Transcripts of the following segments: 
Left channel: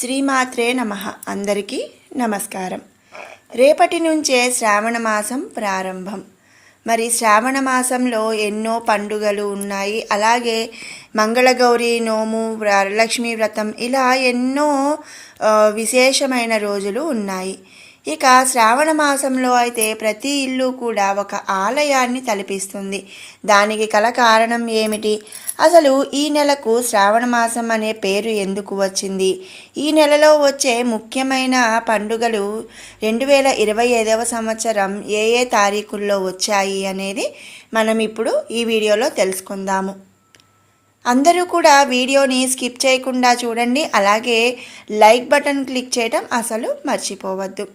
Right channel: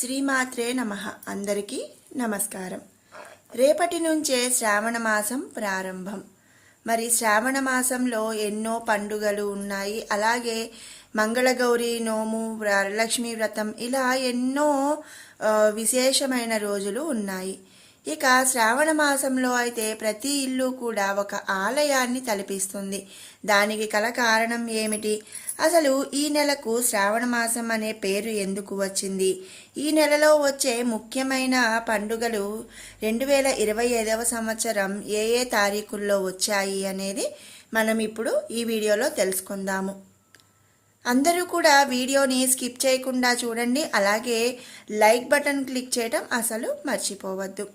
శ్రీమాత్రే నమః. అందరికీ నమస్కారం. రేపటి నుంచే శ్రావణ మాసం ప్రారంభం. మరి శ్రావణ మాసంలో ఎన్నో పండుగలు ఉన్నాయి. అలాగే మంగళగౌరి నోము, వరలక్ష్మి వ్రతం, ఇలా ఎన్నో విశేషమైన రోజులు ఉన్నాయి. ఇక శ్రావణ మాసంలో అయితే ప్రతి ఇల్లు కూడా ఒక ఆలయాన్ని తలపిస్తుంది. దానికి గల కారణం ఏమిటి? అసలు ఈ నెలకు శ్రావణ మాసం అనే పేరు ఎందుకు వచ్చింది? ఈ నెలలో వచ్చే ముఖ్యమైన పండుగలు 2025వ సంవత్సరం ఏ ఏ తారీఖుల్లో వచ్చాయి అనేది మనం ఇప్పుడు ఈ వీడియోలో తెలుసుకుందాము. అందరూ కూడా వీడియోని స్కిప్ చేయకుండా చూడండి. అలాగే లైక్ బటన్ క్లిక్ చేయడం అసలు మర్చిపోవద్దు.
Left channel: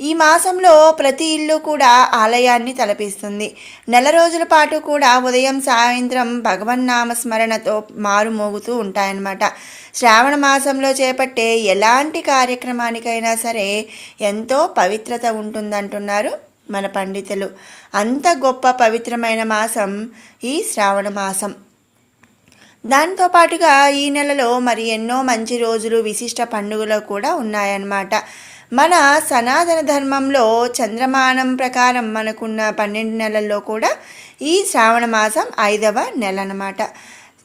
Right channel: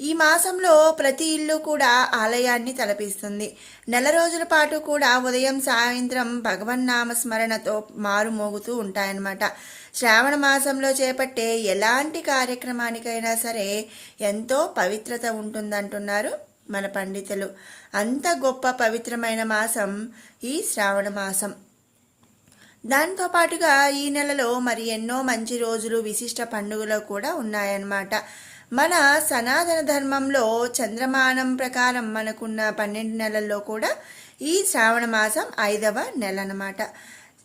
ఈ మాసంలో ప్రతి ఇల్లు కూడా ఆలయాన్ని తలపిస్తుంది. నెల రోజుల పాటు కూడా ఉదయం సాయంత్రం భగవన్నామ స్మరణతో మారుమోగుతూ ఉంటాయన్నమాట. శ్రావణ మాసంలో చేపట్టే ఎలాంటి కార్యక్రమానికైనా సరే ఎంతో పవిత్రత ఉంటుందంటున్నారు మన పండితులు. అంత గొప్ప పవిత్రమైన మాసం ఈ శ్రావణ మాసం. దాంతోపాటుగా ఈ నెలలో మరి ఎన్నో మంచి రోజులు, విశిష్ట పండుగలు కూడా ఉన్నాయన్నమాట. మన సనాతన ధర్మంలో చంద్రమానం ప్రకారం మనకున్న 12 నెలల్లో కూడా ఈ శ్రావణ మాసం 5వ నెల అన్నమాట.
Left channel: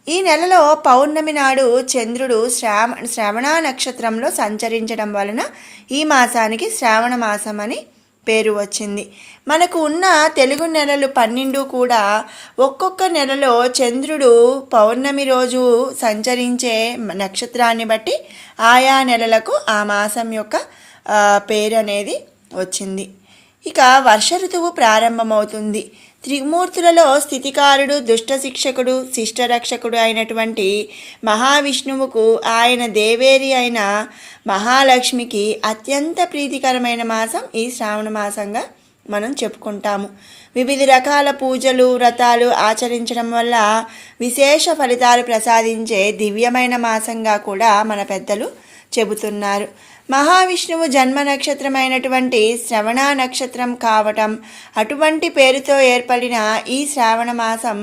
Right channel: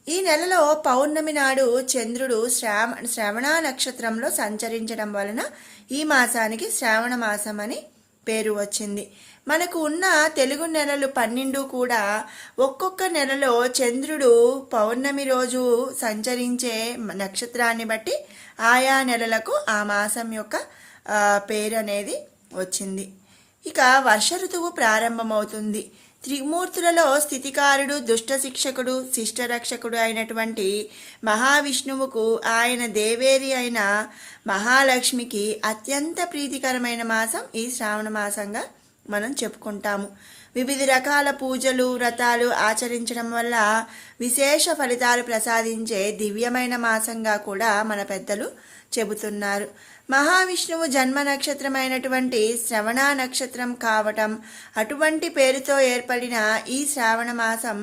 ఈ నెలలో పౌర్ణమి నాడు చంద్రుడు శ్రవణ నక్షత్రంలో సంచరించడం వలన ఈ మాసానికి శ్రావణ మాసం అని పేరు వచ్చింది. మనకు ఉన్న తెలుగు నెలలు 12 కూడా ఒక్కొక్క నెలలో చంద్రుడు పౌర్ణమి రోజు సంచరించే నక్షత్రాన్ని బట్టి ఆయా నెలలకు ఆ మాసం యొక్క పేరు అనేది వచ్చింది. ఇక వర్ష ఋతువు ప్రారంభమవుతుంది. త్రిమూర్తులలో స్థితికారుడు, దుష్ట శిక్షకుడు, శిష్టరక్షకుడు అయినటువంటి మహావిష్ణువుకు ఆయన దేవేరి అయిన మహాలక్ష్మికి అత్యంత ప్రీతికరమైన మాసం ఈ శ్రావణ మాసంగా మనం చెప్పుకుంటాము. వివిధ రకాల పూజలు, వ్రతాలు ఆచరించడం వల్ల విశేష ఫలితాలు ప్రసాదించే దివ్యమైన మాసంగా కూడా మన పెద్దలు చెబుతున్నారు. మహావిష్ణువు జన్మ నక్షత్రమైనటువంటి శ్రవణ నక్షత్రం కావటం, అటువంటి పేరుతో ఏర్పడిన ఈ శ్రావణ మాసం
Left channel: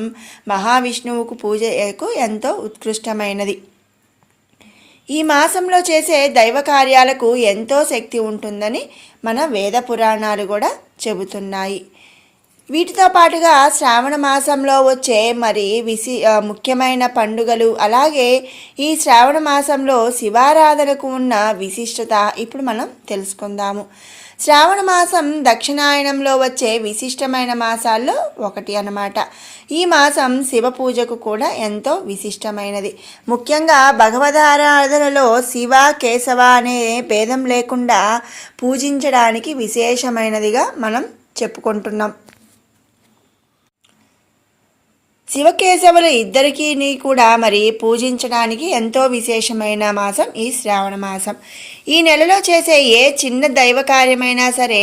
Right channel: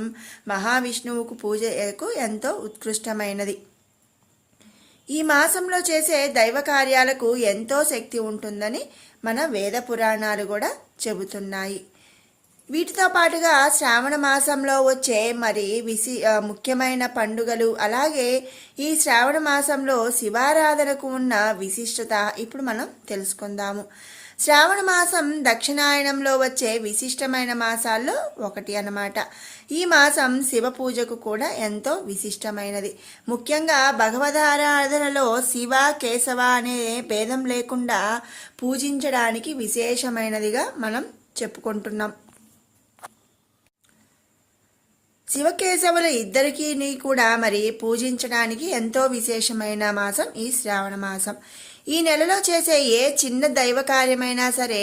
మహావిష్ణువుకు పూజకు ఎంతో ఉత్కృష్టమైనది. ఈ మాసంలో చేసే దైవ కార్యాలకు ఎంతో శక్తి ఉంటుందని మన వేద పురాణాలు కూడా చెబుతున్నాయి. వీటితో పాటుగా శ్రావణ మాసంలో వచ్చే మరి ముఖ్యమైన పండుగలు, అలాగే ఈ శ్రావణ మాసంలో శివారాధనకు ఉన్న విశిష్టత ఇప్పుడు మనం తెలుసుకుందాము. శ్రావణ మాసం దక్షిణాయనంలో వచ్చే విశిష్టమైన మాసాల్లో ఒకటి అన్నమాట. ఈ మాసం శివ పూజకు కూడా ఎంతో విశిష్టమైనది. ముఖ్యంగా భగవదారాధనలో శివ, కేశవ అనే భేదం లేకుండా పూజించడానికి విశేషమైనదిగా మనం చెప్పుకుంటున్నాం. శివకేశవులు ఇద్దరికీ కూడా మరి పూజించడానికి ఎంతో విశేషమైన మాసం ఈ శ్రావణ మాసం. ఈ నెలలో చేసే ఏ చిన్న దైవ కార్యమైనా సరే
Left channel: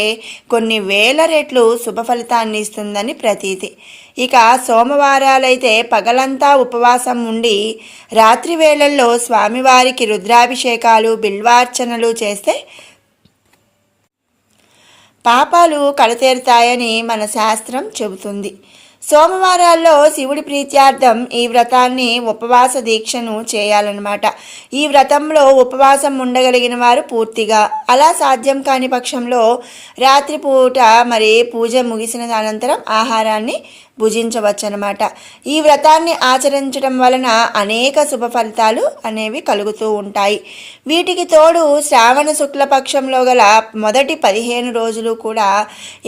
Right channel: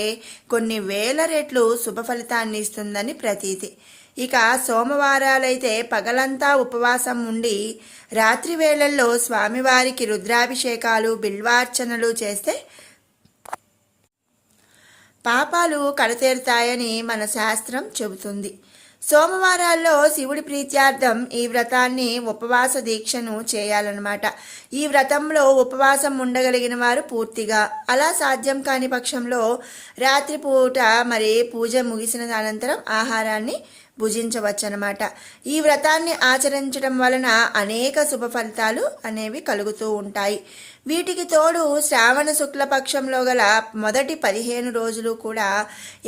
కొన్ని వేల రెట్లు శుభ ఫలితాన్ని ఇస్తుందని ప్రతీతి. ఇక సోమవారాలైతే పగలంతా ఉపవాసం ఉండి రాత్రి వేళల్లో స్వామివారికి రుద్రాభిషేకాలు, బిల్వార్చనలు చేస్తే పాపాలు కడతేరుతాయని మన శాస్త్రం చెబుతుంది. సోమవారాల్లో శివుడి ప్రీత్యార్థం ఈ వ్రతాన్ని, ఉపవాస దీక్షను చేయాలన్నమాట. ఈ వ్రతంలో ఉపవాసం ఉండగలిగిన వారు పూర్తిగా, అలా సాధ్యం కాని పక్షంలో రాత్రిపూట మరి పూజ ముగిసిన అనంతరం ఆహారాన్ని భుజించవచ్చనమాట. ఈ వ్రతాన్ని ఆచరించడం వలన అనేక శుభ ఫలితాలు అనేవి కలుగుతూ ఉంటాయి. వీటికి తోడు శ్రావణ శుక్లపక్షంలో గల మొదటి 15 రోజులు కూడా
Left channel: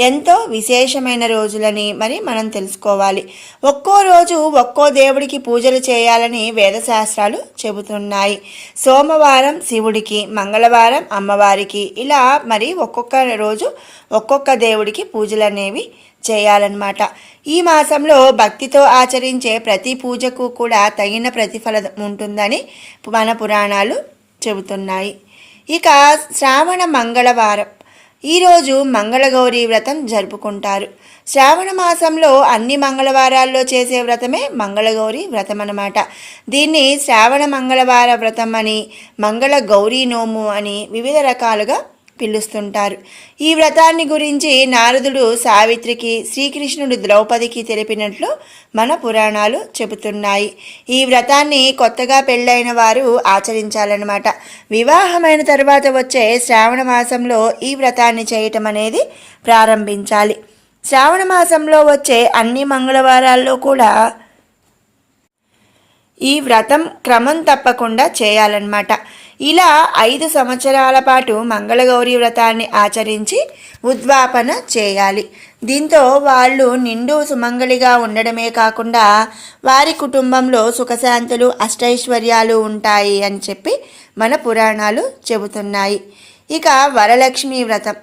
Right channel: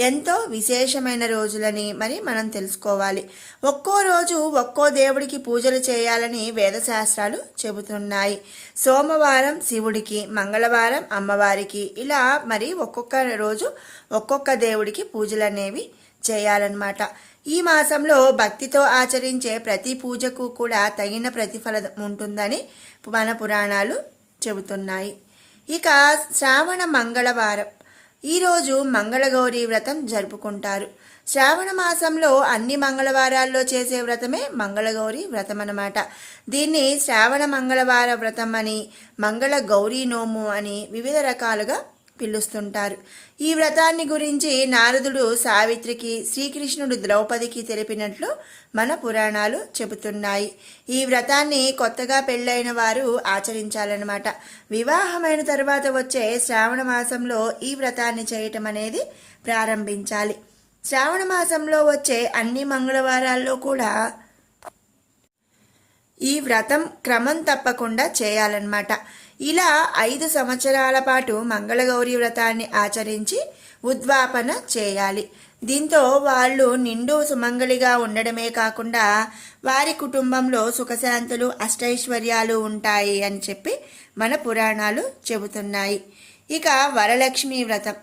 ఎంతో విశేషమైన రోజులని మరి మనం తెలుసుకోవాలి. ఒక్కో రోజు ఒక్కో దేవుడికి పూజలు చేయాలని వేదశాస్త్రాలు చెబుతున్నాయి. సోమవారం శివుడికి, మంగళవారం అమ్మవారికి, ఇలా మరి ఒక్కొక్క రోజు ఒక్కొక్క దేవుడికి పూజలు అనేవి చేయాలన్నమాట. ఈ మాసంలో భక్తితో ఆచరించే ప్రతి పూజకు కూడా తగిన ప్రతిఫలం ఉంటుందని మన పురాణాలు చెబుతున్నాయి. ఇక శ్రావణ మంగళవారం, ఈరోజు మంగళగౌరి వ్రతం జరుపుకుంటారు. శ్రావణ మాసంలో అన్ని మంగళవారాల్లో చేసే వ్రతమే మంగళగౌరి వ్రతం అన్నమాట. దీన్ని శ్రావణ మంగళవార వ్రతం అని, మంగళ గౌరీ నోము అని వివిధ రకాలుగా పిలుస్తుంటారు. ఈ వ్రతాన్ని గురించి నారదుడు సావిత్రికి, శ్రీకృష్ణుడు ద్రౌపదికి తెలిపినట్లు మన పురాణాలు చెబుతున్నాయి. ఈ వ్రతాన్ని కొత్తగా పెళ్ళైన వారు ఆచరించాలన్నమాట. వివాహమైన తర్వాత వచ్చే శ్రావణ మాసంలో ఈ వ్రతాన్ని చేయటం అనేది ప్రారంభించాలి. శ్రావణ మాసంలో వచ్చే అన్ని మంగళవారాల్లో కూడా ఈ వ్రతం క్రమం తప్పకుండా చేయాలన్నమాట. ఇలా 5 సంవత్సరాల పాటు మంగళగౌరి వ్రతాన్ని ఆచరించి ఉద్వాపన చేయాలి. దీంతో వాళ్ళు నిండు సుమంగళిగా ఉండడమే కాకుండా వారి కుటుంబంలో సుఖశాంతులు అష్టైశ్వర్యాలు ఉంటాయి అని చెప్పి మన పురాణాలు చెబుతున్నాయి. ఇక వరలక్ష్మి వ్రతం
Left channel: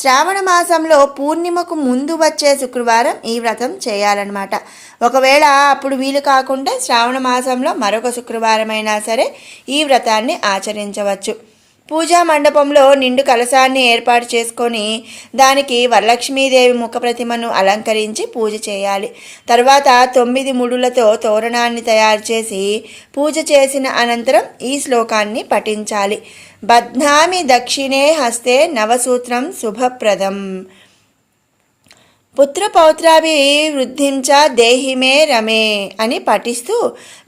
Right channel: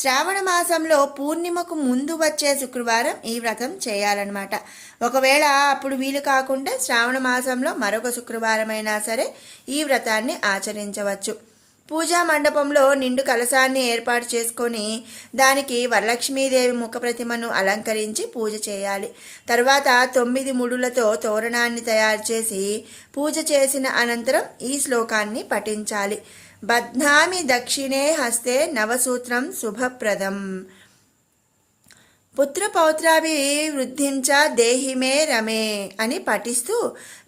శ్రావణ మాసంలో పూర్ణిమకు ముందు వచ్చే శుక్రవారం ఈ వ్రతం చేయాలన్నమాట. ఒకవేళ అప్పుడు వీలు కాకుండా శ్రావణ మాసంలో మరొక శుక్రవారం అయినా సరే ఈ వ్రతాన్ని ఆచరించవచ్చు. పూజా మండపంలో నిండు కలశాన్ని ఏర్పాటు చేసుకొని దానికి వరలక్ష్మీదేవి ముఖ ప్రతిమను అలంకరించి పూజ చేయాలి. తర్వాత 9 ముడులతో తోరణాన్ని తయారు చేసి పూజ చేసిన అనంతరం ఈ శ్లోకాన్ని పఠించాలి. బధ్నామి దక్షిణే హస్తే నవసూత్రం శుభప్రదం పుత్రపౌత్రాభివృద్ధించ దేహిమే రమే అని పఠిస్తూ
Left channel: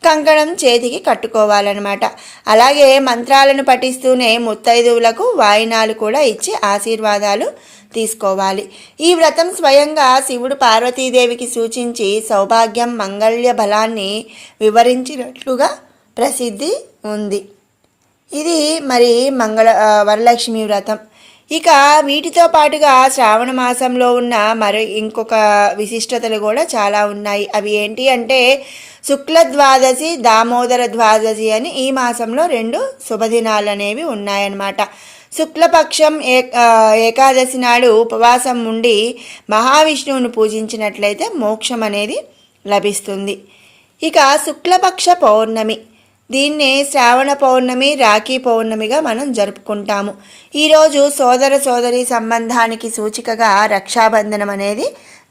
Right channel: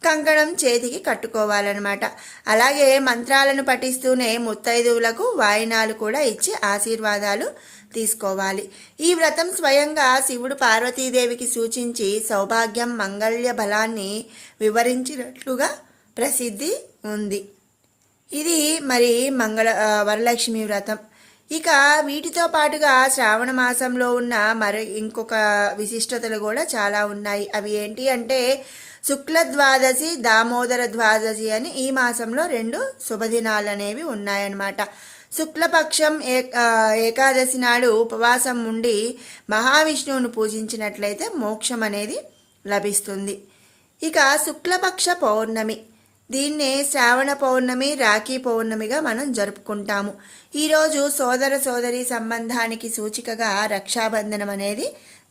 కంకణం చేతికి కట్టుకోవాలన్నమాట. అలాగే మంత్రాలను పఠిస్తూనే ముత్తైదువులకు వాయినాలు కూడా ఇచ్చి ఆశీర్వాదాలు తీసుకోవాలి. ఈ వ్రతం స్వయంగా శివుడు పార్వతీదేవికి సూచించి సౌభాగ్యం మంగళ్య బలాన్ని వివరించినట్లుగా ప్రసిద్ధి ఉంది. ఇది మరి వరలక్ష్మి వ్రతం. ఇక వీటితో పాటుగా శ్రావణ మాసంలో ఉన్న ఇంకొక విశిష్టతలు కూడా చాలా ఉన్నాయి. అవి ఏంటి అంటే శుక్ల ద్వాదశి, దామోదర ద్వాదశి అని ఈ మాసంలో 2 శుభదినాలు అనేవి ఉన్నాయన్నమాట. శుక్లపక్షం ఏకాదశి నాడు ఉపవాసం ఉండి మహావిష్ణువుని పూజించినట్లయితే మోక్షం అనేది లభిస్తుంది. ఇక శుక్లపక్ష పౌర్ణమి, దీన్నే శ్రావణ పౌర్ణమి, రాఖీ పౌర్ణమిగా మనం జరుపుకుంటాము. ఈరోజు సోదర సోదరి సంబంధానికి సూచికగా రక్షాబంధనం అనేది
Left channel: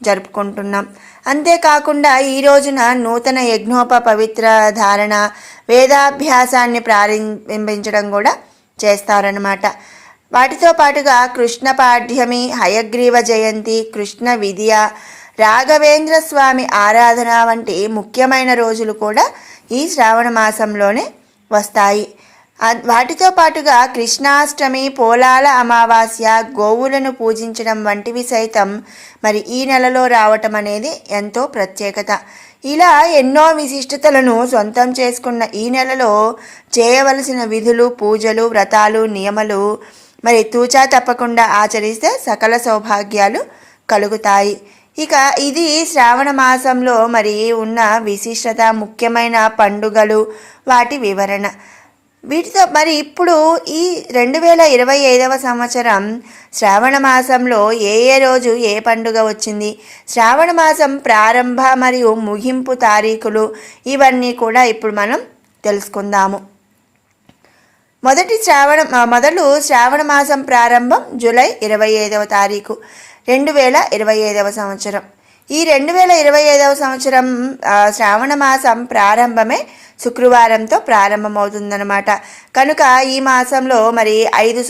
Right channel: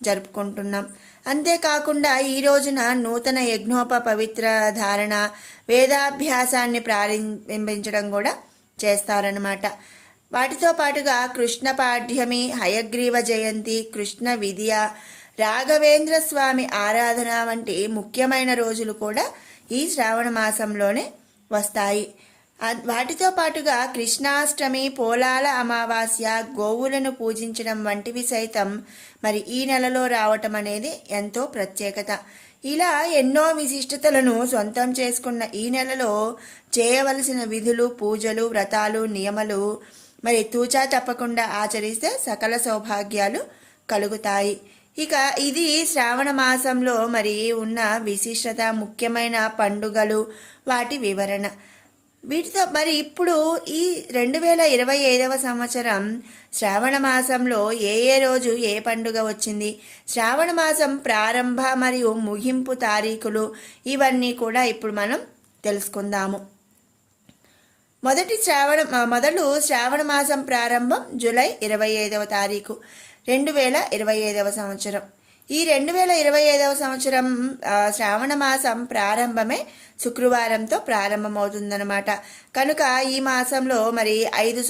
జరుపుకుంటున్నాం. అంతేకాకుండా ఈ రోజున నూతన పవిత్ర ధారణ, వేదాభ్యాసాన్ని ప్రారంభించడం కూడా చేస్తారన్నమాట. వాటితో పాటుగా కృష్ణ పాఠ్యమి, హయగ్రీవ జయంతి, కృష్ణ విద్య, రాఘవేంద్ర స్వామి ఆరాధన వంటి ముఖ్యమైన రోజులు కూడా ఈ శ్రావణ మాసంలోనే వస్తాయి. వాటితో పాటుగా కృష్ణాష్టమి, పోలాల అమావాస్య, గోవులను పూజించడం వంటివి సైతం మరి ఈ నెలలో రావటం అనేది ఎంతో ప్రత్యేకత. ఇలా ఎన్నో విశిష్టతలను సొంతం చేసుకున్న ఈ నెలలో చేయవలసిన విధులు, పూజలు, వ్రతాలు, నియమాలు మరి తూచా తప్పకుండా ఆచరిస్తే సకల సౌభాగ్యాలు కలుగుతాయి. ఇక ఇది శ్రావణ మాసంలో మరి ఉన్న విశిష్టత, ముఖ్యమైన పండుగలు, వాటి వివరణ. వీటితో మరి ఇప్పుడు ఈ 2025వ సంవత్సరం శ్రావణ మాసంలో ఏ రోజు ఏ పండుగ వచ్చింది, శ్రావణ మాసం ప్రారంభ మరియు ముగింపు తారీఖులు, ఇవన్నీ కూడా ఇప్పుడు మనం తెలుసుకుందాము. మొదలు శ్రావణ మాసం ప్రారంభం జూలై 25వ తారీఖు 2025వ సంవత్సరం. ఈ 2025వ సంవత్సరం శ్రావణ మాసం ప్రారంభమే శుక్రవారంతో ప్రారంభమవుతుందన్నమాట. కనుక ఈ మాసంలో మరి 5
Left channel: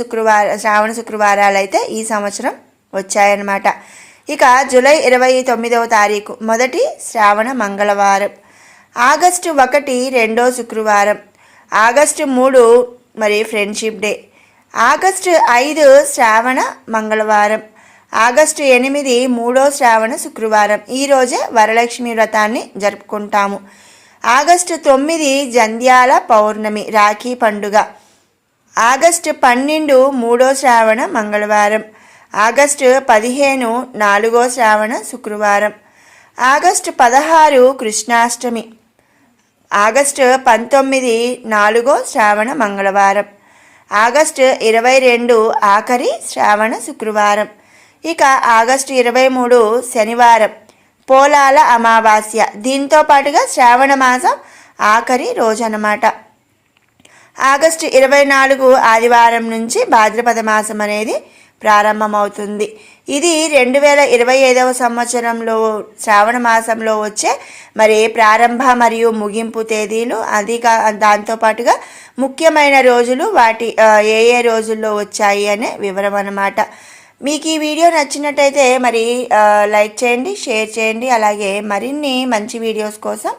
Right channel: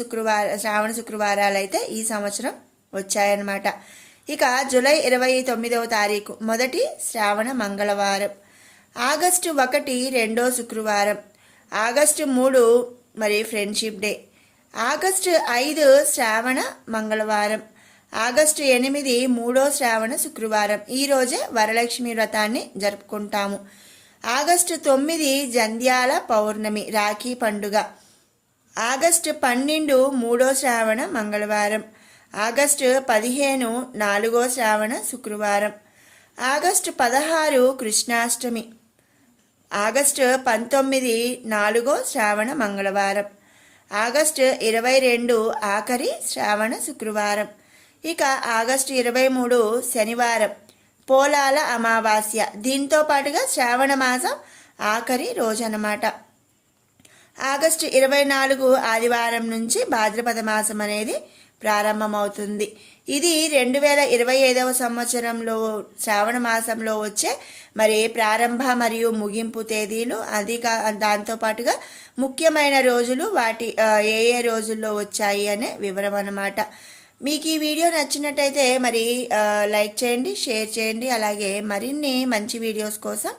శ్రావణ శుక్రవారాలు అయితే ఈ సంవత్సరం వచ్చాయన్నమాట. ఇక జూలై 29వ తారీఖు మొదటి శ్రావణ మంగళవారం, ఆగస్టు 1 రెండో శుక్రవారం, ఆగస్టు 3 మరి ఫ్రెండ్షిప్ డే, ఆగస్టు 5 శ్రావణ మంగళవారం, ఆగస్టు 8 మూడో శ్రావణ శుక్రవారం. ఈరోజే వరలక్ష్మి వ్రతాన్ని జరుపుకుంటాము. ఆగస్టు 9 జంధ్యాల పౌర్ణమి, రాఖీ పండుగ, ఆగస్టు 12 మూడో శ్రావణ మంగళవారం, ఆగస్టు 15 నాలుగో శ్రావణ శుక్రవారం, ఆగస్టు 16 కృష్ణాష్టమి, ఆగస్టు 19 నాలుగో శ్రావణ మంగళవారం, ఆగస్టు 22 ఆఖరి శ్రావణ శుక్రవారం. ఇక ఆగస్టు 23 శనివారం, పోలాల అమావాస్య. దీంతో పాటుగా శ్రావణ మాసం ఆఖరి రోజు అన్నమాట. ఆగస్టు 24 ఆదివారం నుంచి భాద్రపద మాసం అనేది ప్రారంభమవుతుంది. ఇది 2025వ సంవత్సరంలో శ్రావణ మాసంలో వచ్చే మరి ప్రారంభ మరియు ముగింపు తేదీలు, అది దాంతోపాటుగా ముఖ్యమైన రోజులు, వాటి ఏ రోజుల్లో వచ్చాయి అనే వివరం అన్నమాట. మీకు ఈ వీడియో నచ్చినట్టయితే మరి లైక్ చేయండి, షేర్ చేయండి. అలాగే మరిన్ని మంచి వీడియోస్ కోసం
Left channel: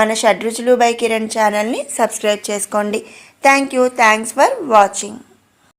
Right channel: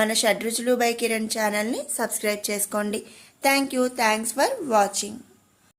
మన షడ్రుచులు బై కిరణ్ ఛానల్ని సబ్స్క్రైబ్ చేసుకోండి. Thanks for watching.